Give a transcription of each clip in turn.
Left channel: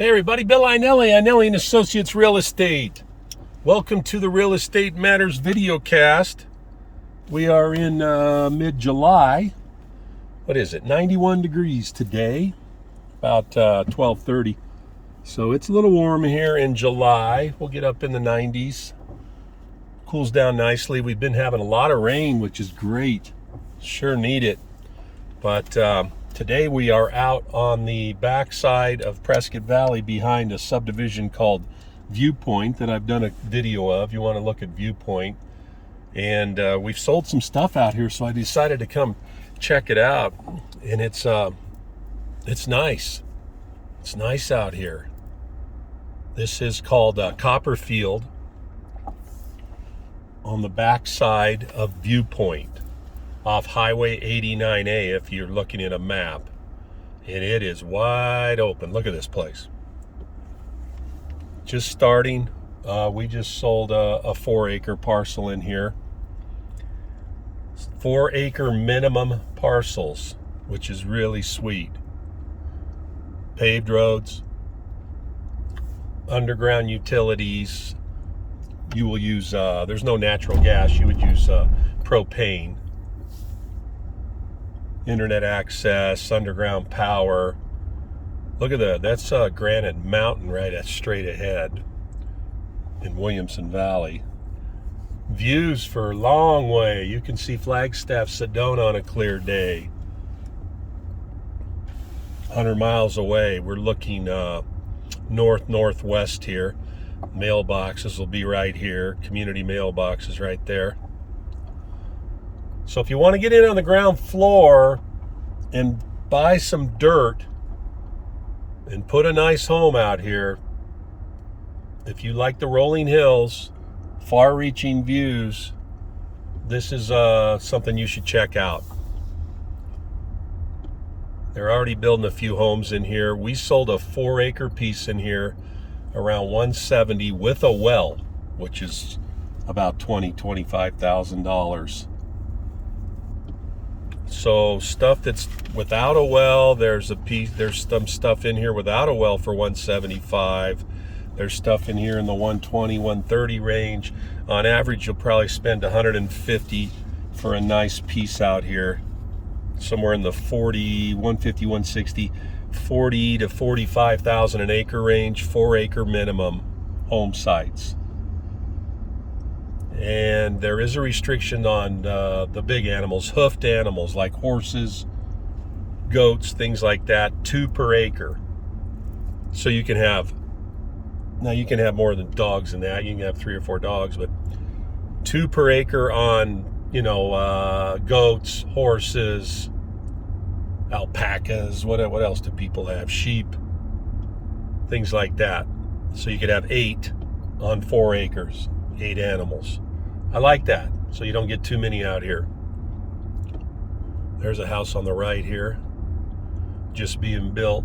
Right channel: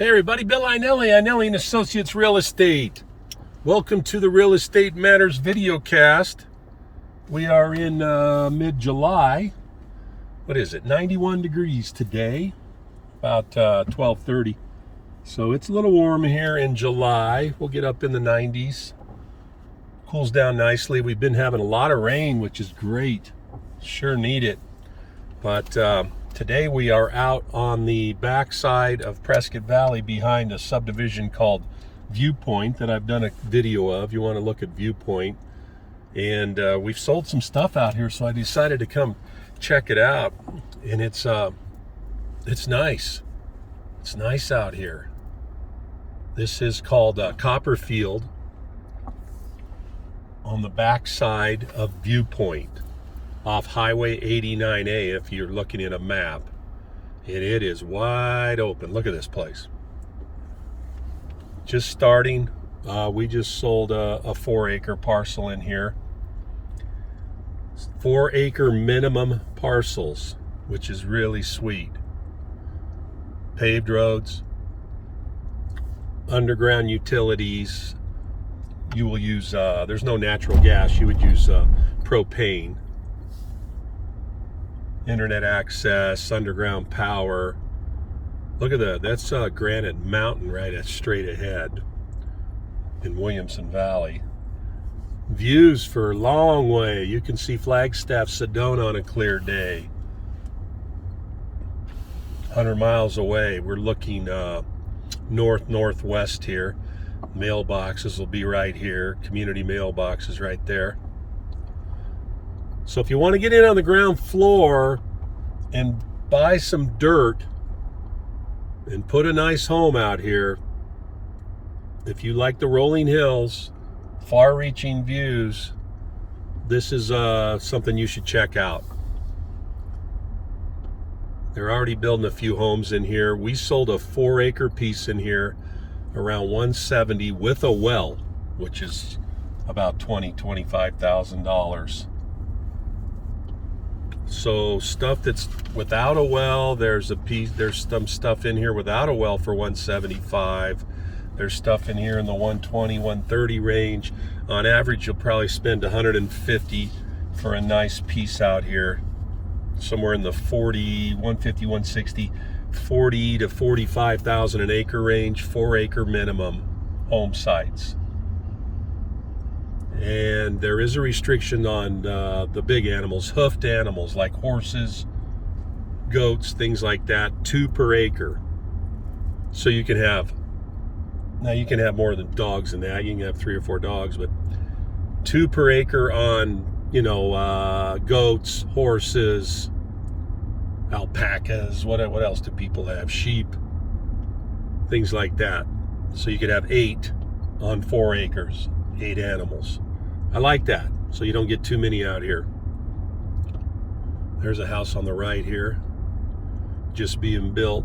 Hey everybody, Bill Inelli and Associates Real Estate. Welcome to the Real Estate Matters videocast. We are in mid-July. What is it? 91 degrees today, about 12:30. So it's a little warm here in July. We'll get up in the 90s. Cools down nicely. We've been having a lot of rain, which is great. Sure need it. But today we are out on the backside of Prescott Valley behind a subdivision called Viewpoint that I've done a video of. You want to look at Viewpoint. And we've sold some stuff out here, so I decided to come check it out. And it's nice. It's nice out here. This is called Copperfield on the backside of Viewpoint off Highway 89A if you're looking at a map. And it is wide open. Look at this place. Just starting. We just sold a 4-acre parcel in here. 4-acre minimum parcels, which is really sweet. Paved roads, underground utilities. You will use, there's no natural gas, you would use propane. Internet access, underground power. Look at that's Granite Mountain right straight ahead in Williamson Valley. Views for a long way. You can see Flagstaff, Sedona on a clear day. 100 miles away. We're looking northwest here. Mailboxes will be right here. Community mailboxes right there. So if you want to get in on the ground floor and buy some dirt and put a nice home out here, if you like the rolling hills, far-reaching views, this is something you should check out. They're already building a few homes in here. We sold a 4-acre piece in here around $170 with a well, which is about $25,000. So stuff that's without a well, there's some stuff in here without a well for $175. There's stuff in here in the $120, $130 range. On average, you'll probably spend $150 for a nice piece out here. Somewhere in the $150, $160, $40 to $45,000 an acre range, 4-acre minimum home sites. And there is a restriction on the big animals, hoofed animals like horses, goats, things like that, 2 per acre. So you can have, now you can have more than dogs than that. You can have 3 or 4 dogs, but 2 per acre on, goats, horses, alpacas, what else do people have? Sheep, things like that. So you could have 8 on 4 acres, 8 animals. I like that, so you don't get too many out here. There's a house on the right here, just being built.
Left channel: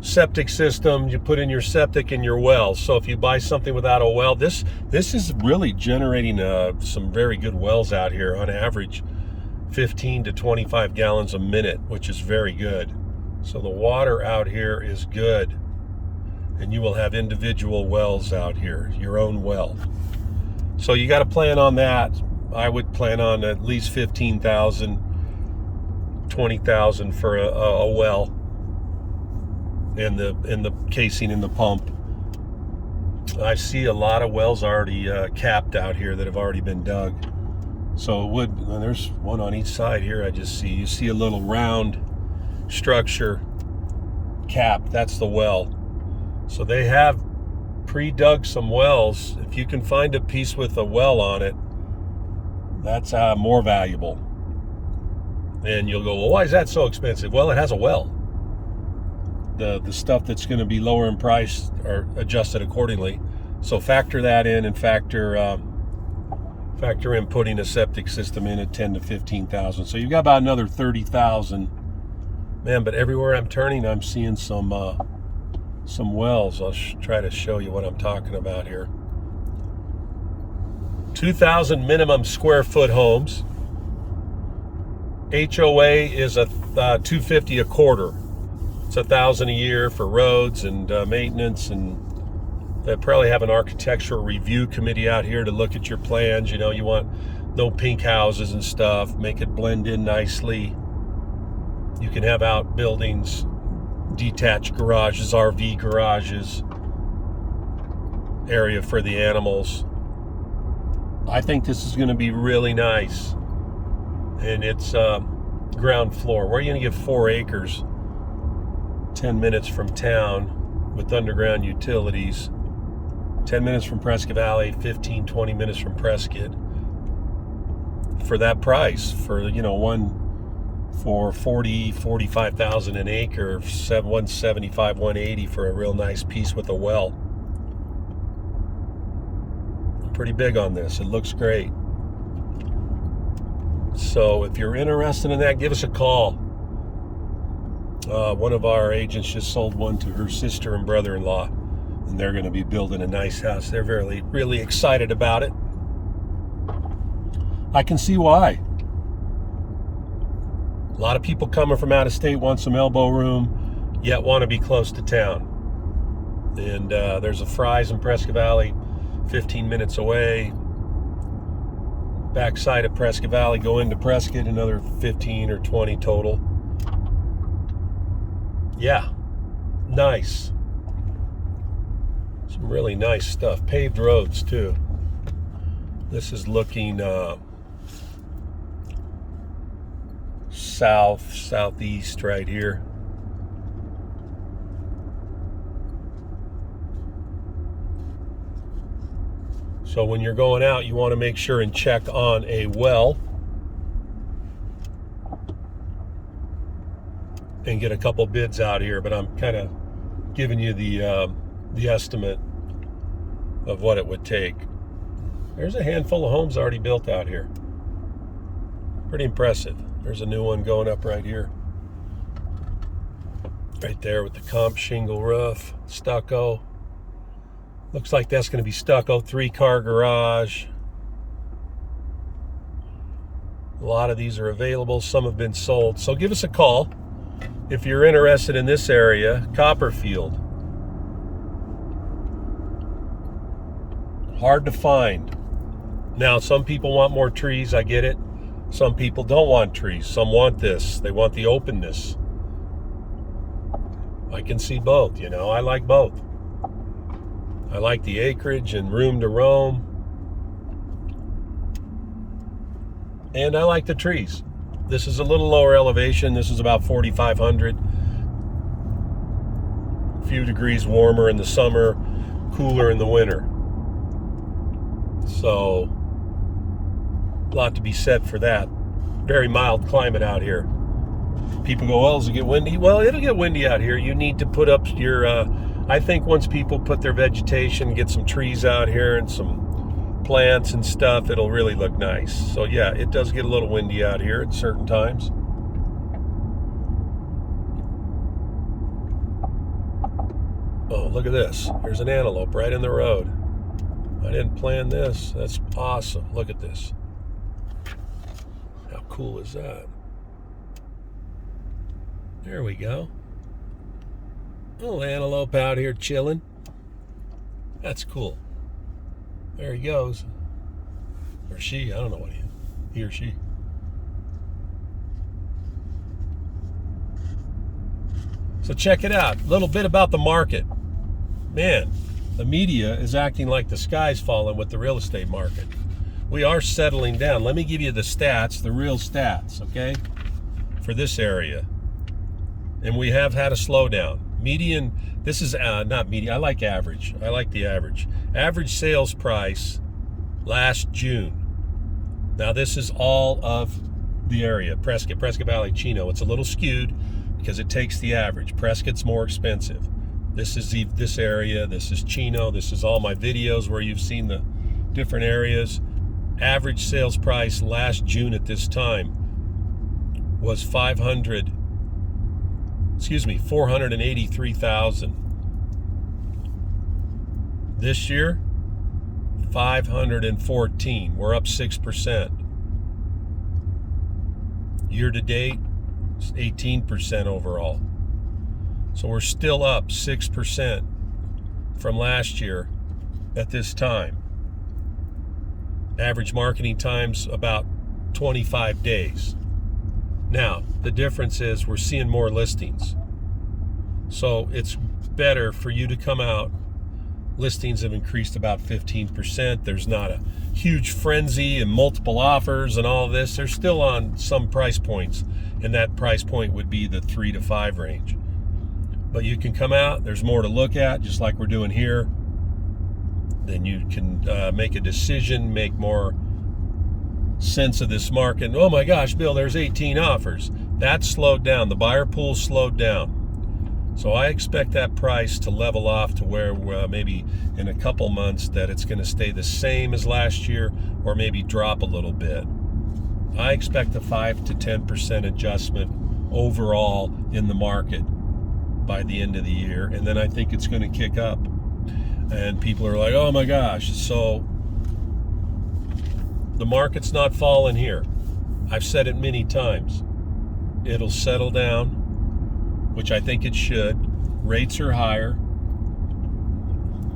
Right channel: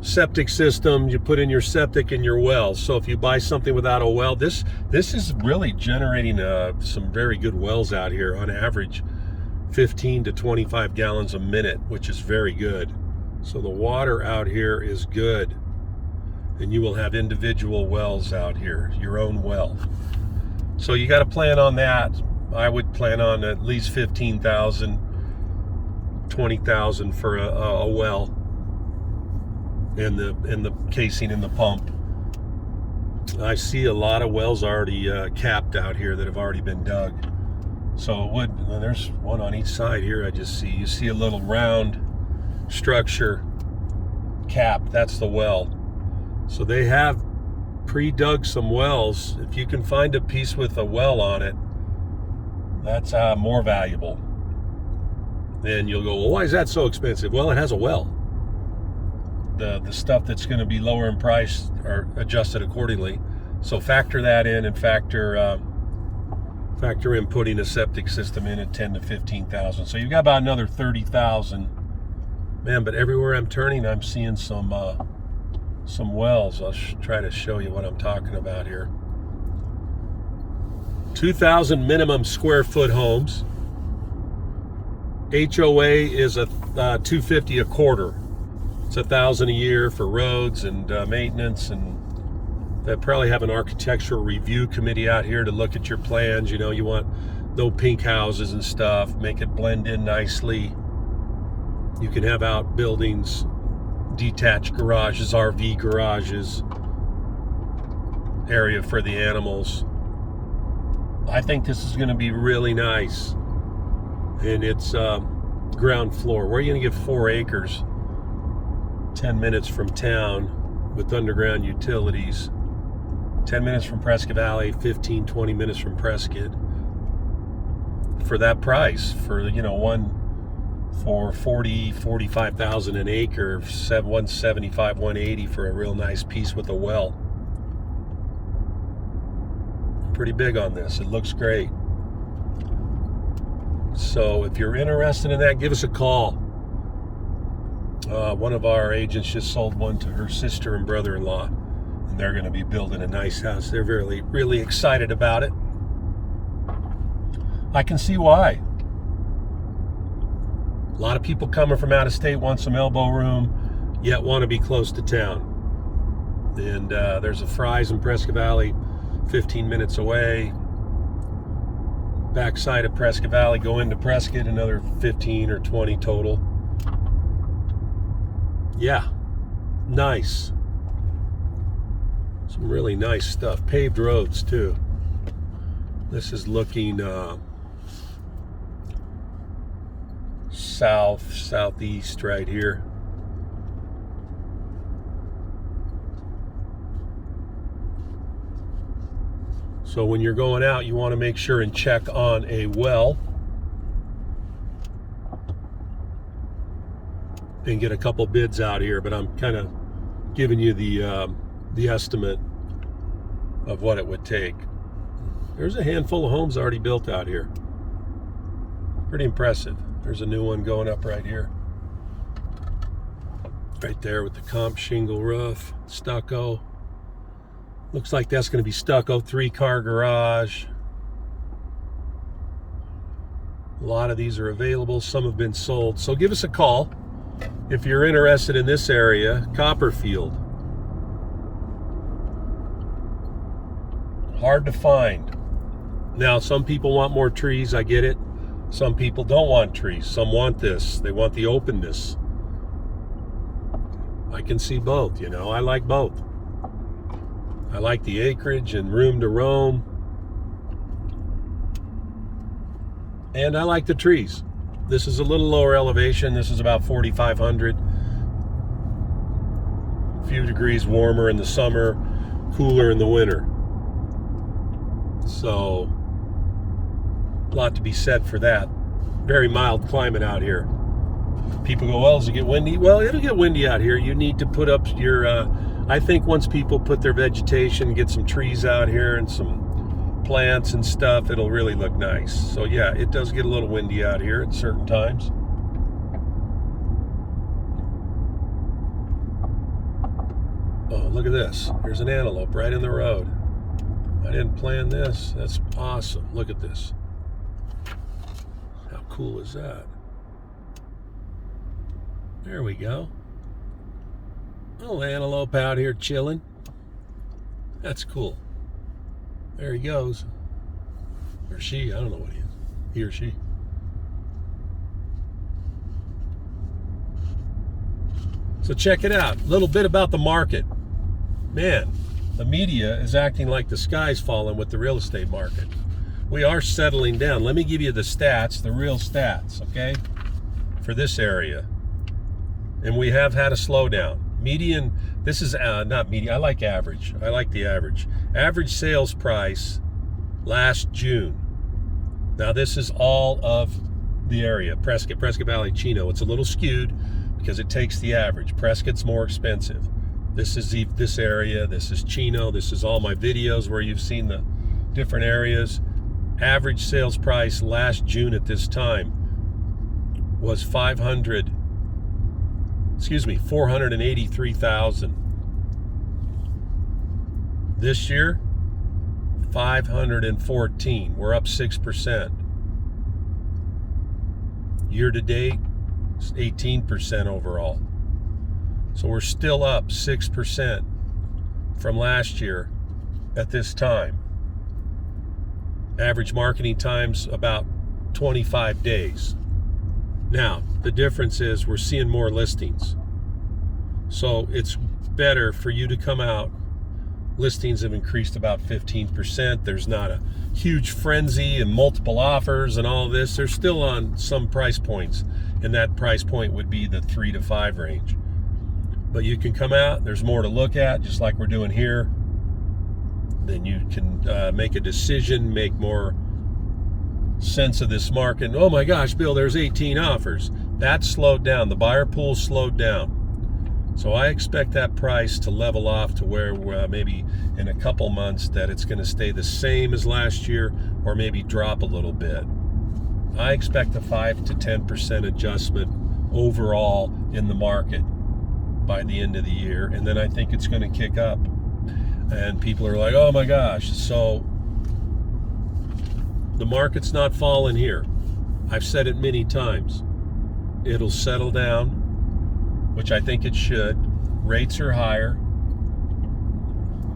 Septic system, you put in your septic and your well. So if you buy something without a well, this is really generating some very good wells out here. On average, 15 to 25 gallons a minute, which is very good. So the water out here is good. And you will have individual wells out here, your own well. So you got to plan on that. I would plan on at least 15,000, 20,000 for a well, and the casing in the pump. I see a lot of wells already capped out here that have already been dug. So it would, and there's one on each side here. I just see, you see a little round structure cap. That's the well. So they have pre-dug some wells. If you can find a piece with a well on it, that's more valuable. And you'll go, well, why is that so expensive? Well, it has a well. The stuff that's going to be lower in price are adjusted accordingly. So factor that in, and factor in putting a septic system in at 10 to 15,000. So you've got about another 30,000. Man, but everywhere I'm turning, I'm seeing some wells. I'll try to show you what I'm talking about here. 2,000 minimum square foot homes. HOA is a $250 a quarter. It's $1,000 a year for roads and maintenance, and they probably have an architectural review committee out here to look at your plans. You know, you want no pink houses and stuff, make it blend in nicely. You can have outbuildings, detached garages, RV garages, area for the animals. I think this is going to be really nice. And it's ground floor. Where are you going to get 4 acres? 10 minutes from town with underground utilities. 10 minutes from Prescott Valley, 15, 20 minutes from Prescott. For that price, for, you know, one for 40, 45,000 an acre, 175, 180 for a real nice piece with a well. I'm pretty big on this. It looks great. So if you're interested in that, give us a call. One of our agents just sold one to her sister and brother-in-law, and they're going to be building a nice house. They're really excited about it. I can see why. A lot of people coming from out of state want some elbow room, yet want to be close to town. And there's a Fry's in Prescott Valley, 15 minutes away. Backside of Prescott Valley, go into Prescott, another 15 or 20 total. Yeah, nice. Some really nice stuff. Paved roads too. This is looking southeast right here. So when you're going out, you want to make sure and check on a well and get a couple bids out here, but I'm kind of giving you the estimate of what it would take. There's a handful of homes already built out here. Pretty impressive. There's a new one going up right here. Right there with the comp shingle roof, stucco. Looks like that's going to be stucco, 3-car garage. A lot of these are available. Some have been sold. So give us a call if you're interested in this area, Copperfield. Hard to find. Now, some people want more trees. I get it. Some people don't want trees. Some want this. They want the openness. I can see both, you know. I like both. I like the acreage and room to roam. And I like the trees. This is a little lower elevation. This is about 4,500. A few degrees warmer in the summer, cooler in the winter. So, a lot to be said for that. Very mild climate out here. People go, well, does it get windy? Well, it'll get windy out here. You need to put up your, I think once people put their vegetation, get some trees out here and some plants and stuff, it'll really look nice. So yeah, it does get a little windy out here at certain times. Oh, look at this. There's an antelope right in the road. I didn't plan this. That's awesome. Look at this. How cool is that? There we go. Little antelope out here chilling. That's cool. There he goes. Or she, I don't know what he is. He or she. So check it out. A little bit about the market. Man, the media is acting like the sky's falling with the real estate market. We are settling down. Let me give you the stats, the real stats, okay, for this area. And we have had a slowdown. Median, this is not median, I like average. I like the average. Average sales price last June. Now this is all of the area, Prescott Valley, Chino. It's a little skewed because it takes the average. Prescott's more expensive. This is this area, this is Chino, this is all my videos where you've seen the different areas. Average sales price last June at this time was 483,000. This year, 514. We're up 6%. Year to date, it's 18% overall. So we're still up 6% from last year at this time. Average marketing time's about 25 days. Now, the difference is we're seeing more listings. So it's better for you to come out. Listings have increased about 15%. There's not a huge frenzy and multiple offers and all this. They're still on some price points, and that price point would be the 3 to 5 range. But you can come out, there's more to look at, just like we're doing here. Then you can make a decision, make more sense of this market. Oh my gosh, Bill, there's 18 offers. That slowed down. The buyer pool slowed down. So I expect that price to level off to where maybe in a couple months that it's going to stay the same as last year or maybe drop a little bit. I expect a 5 to 10% adjustment overall in the market by the end of the year, and then I think it's going to kick up. And people are like, oh my gosh. So the market's not falling here. I've said it many times. It'll settle down, which I think it should. Rates are higher.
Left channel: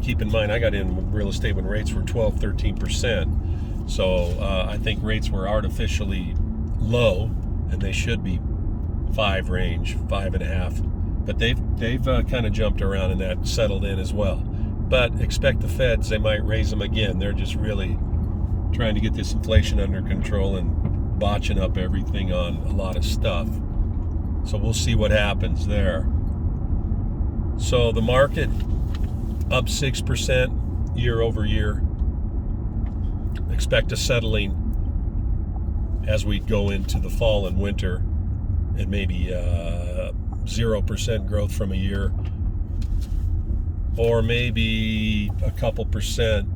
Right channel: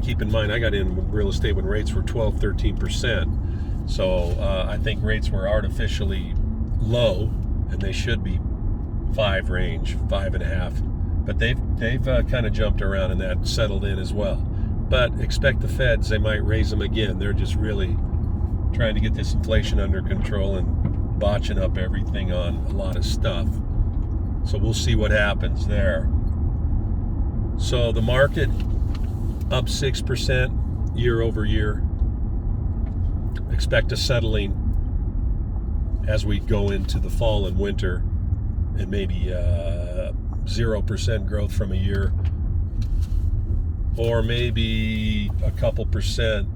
Keep in mind, I got in real estate when rates were 12, 13%. So I think rates were artificially low, and they should be 5 range, 5.5. But they've kind of jumped around and that settled in as well. But expect the feds, they might raise them again. They're just really trying to get this inflation under control and botching up everything on a lot of stuff. So we'll see what happens there. So the market up 6% year over year. Expect a settling as we go into the fall and winter, and maybe 0% growth from a year, or maybe a couple percent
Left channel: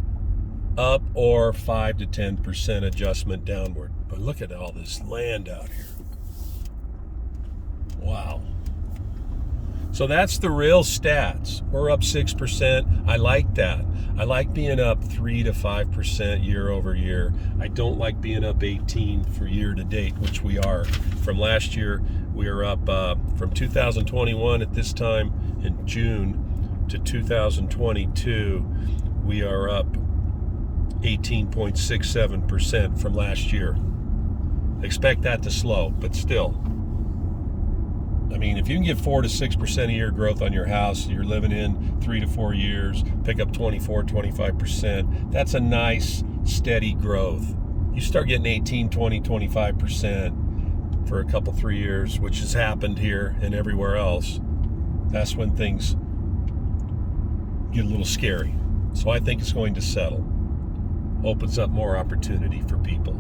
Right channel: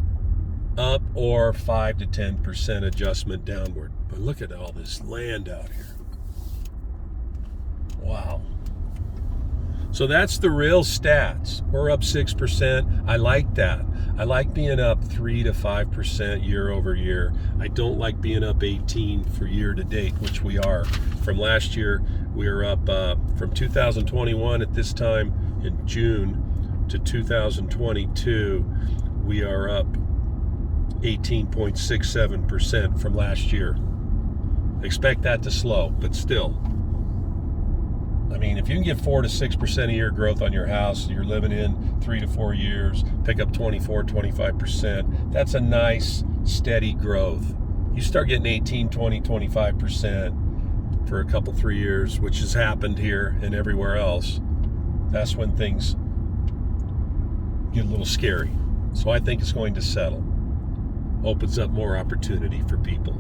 up, or 5 to 10% adjustment downward. But look at all this land out here. Wow. So that's the real stats. We're up 6%. I like that. I like being up 3 to 5% year over year. I don't like being up 18 for year to date, which we are. From last year, we are up from 2021 at this time in June to 2022, we are up 18.67% from last year. Expect that to slow, but still. I mean, if you can get 4 to 6% a year growth on your house, you're living in 3 to 4 years, pick up 24, 25%, that's a nice, steady growth. You start getting 18, 20, 25% for a couple, 3 years, which has happened here and everywhere else, that's when things get a little scary. So I think it's going to settle. Opens up more opportunity for people.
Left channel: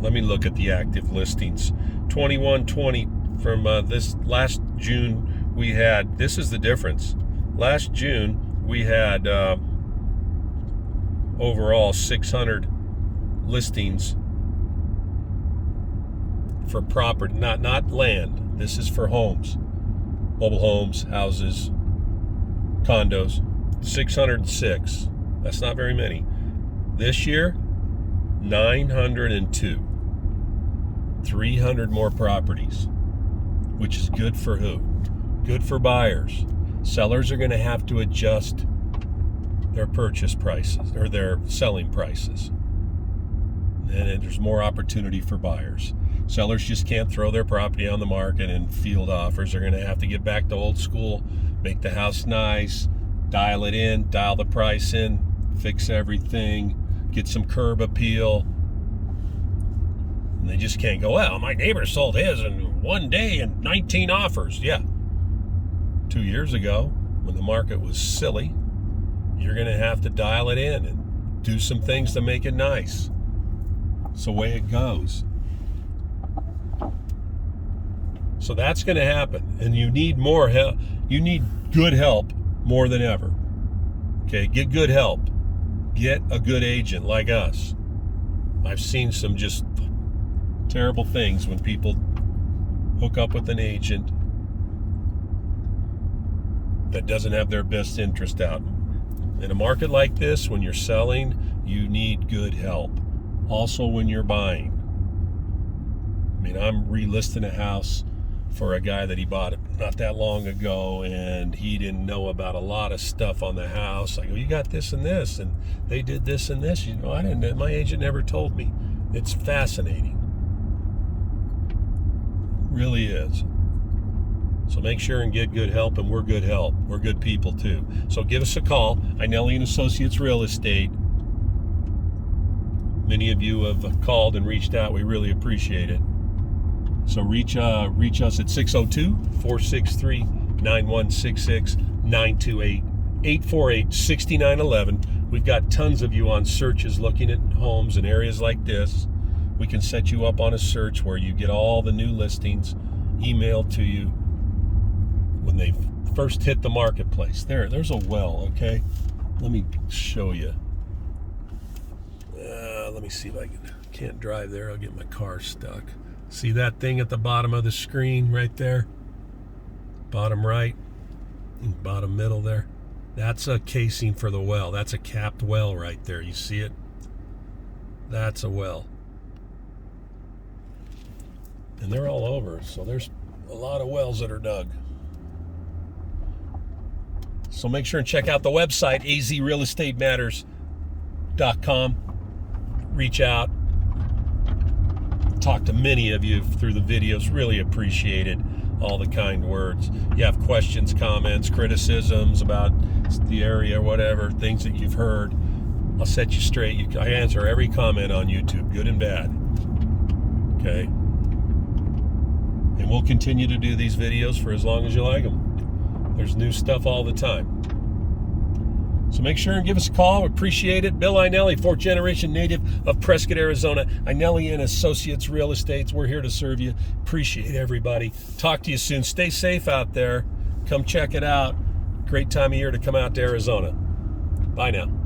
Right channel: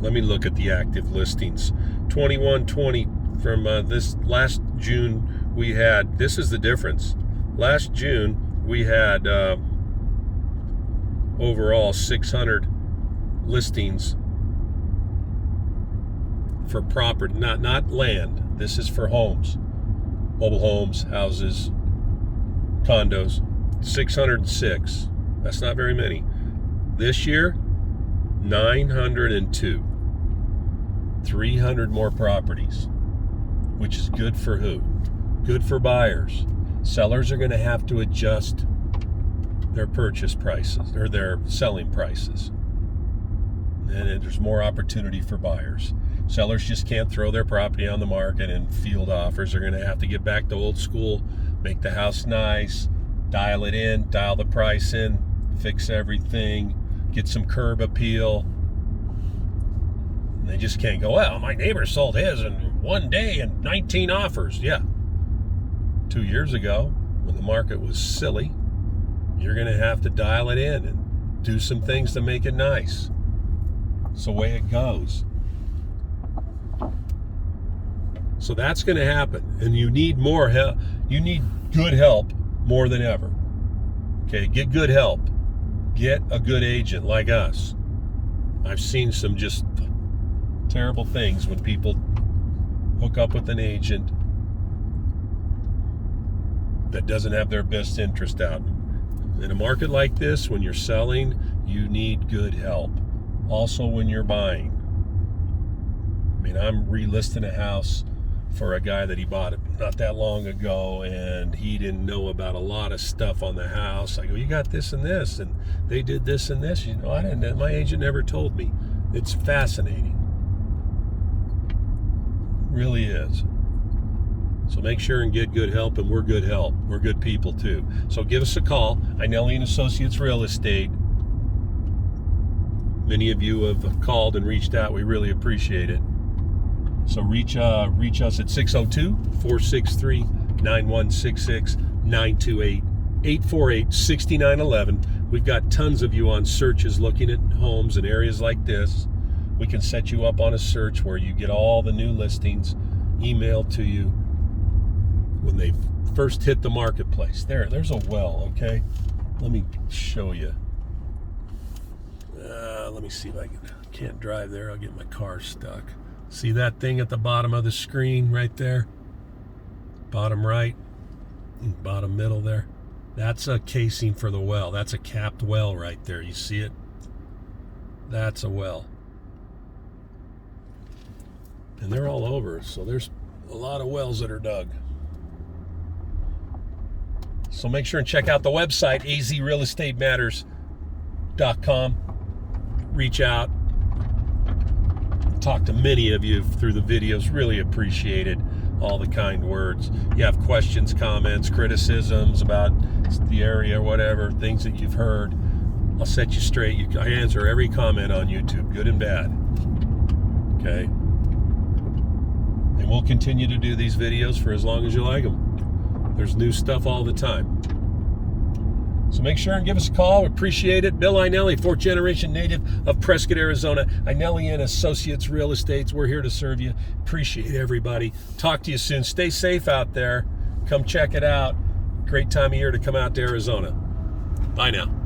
Let me look at the active listings. 2120 from this last June we had, this is the difference. Last June we had overall 600 listings for property, not land. This is for homes, mobile homes, houses, condos. 606. That's not very many. This year, 902. 300 more properties, which is good for who? Good for buyers. Sellers are going to have to adjust their purchase prices or their selling prices. And there's more opportunity for buyers. Sellers just can't throw their property on the market and field offers. They're going to have to get back to old school, make the house nice, dial it in, dial the price in, fix everything, get some curb appeal. And they just can't go, well, my neighbor sold his in one day and 19 offers. Yeah. 2 years ago, when the market was silly, you're going to have to dial it in and do some things to make it nice. It's the way it goes. So that's going to happen. And you need more help. You need good help more than ever. Okay, get good help. Get a good agent like us. I've seen some just terrible things when people hook up with an agent that doesn't have their best interest out. In a market like this, when you're selling, you need good help. Also when you're buying. I mean, I'm relisting a house for a guy that he bought it not that long ago, and he didn't know about a lot of stuff on the house. I go, you got this and this, and they did this and this. You know, I didn't. My agent never told me. It's fascinating. Really is. So make sure and get good help, and we're good help. We're good people too. So give us a call. Inelli and Associates Real Estate. Many of you have called and reached out. We really appreciate it. So reach us at 602-463-9166, 928-848-6911. We've got tons of you on searches looking at homes in areas like this. We can set you up on a search where you get all the new listings emailed to you when they first hit the marketplace. There's a well, okay? Let me show you. Let me see if I can't drive there. I'll get my car stuck. See that thing at the bottom of the screen right there? Bottom right and bottom middle there? That's a casing for the well. That's a capped well right there. You see it? That's a well. And they're all over, so there's a lot of wells that are dug. So make sure and check out the website, azrealestatematters.com. Reach out. Talk to many of you through the videos. Really appreciate it. All the kind words. You have questions, comments, criticisms about the area, whatever, things that you've heard. I'll set you straight. I answer every comment on YouTube, good and bad. Okay? And we'll continue to do these videos for as long as you like them. There's new stuff all the time. So make sure and give us a call. We appreciate it. Bill Inelli, fourth generation native of Prescott, Arizona. Inelli and Associates Real Estates. We're here to serve you. Appreciate everybody. Talk to you soon. Stay safe out there. Come check it out. Great time of year to come out to Arizona. Bye now.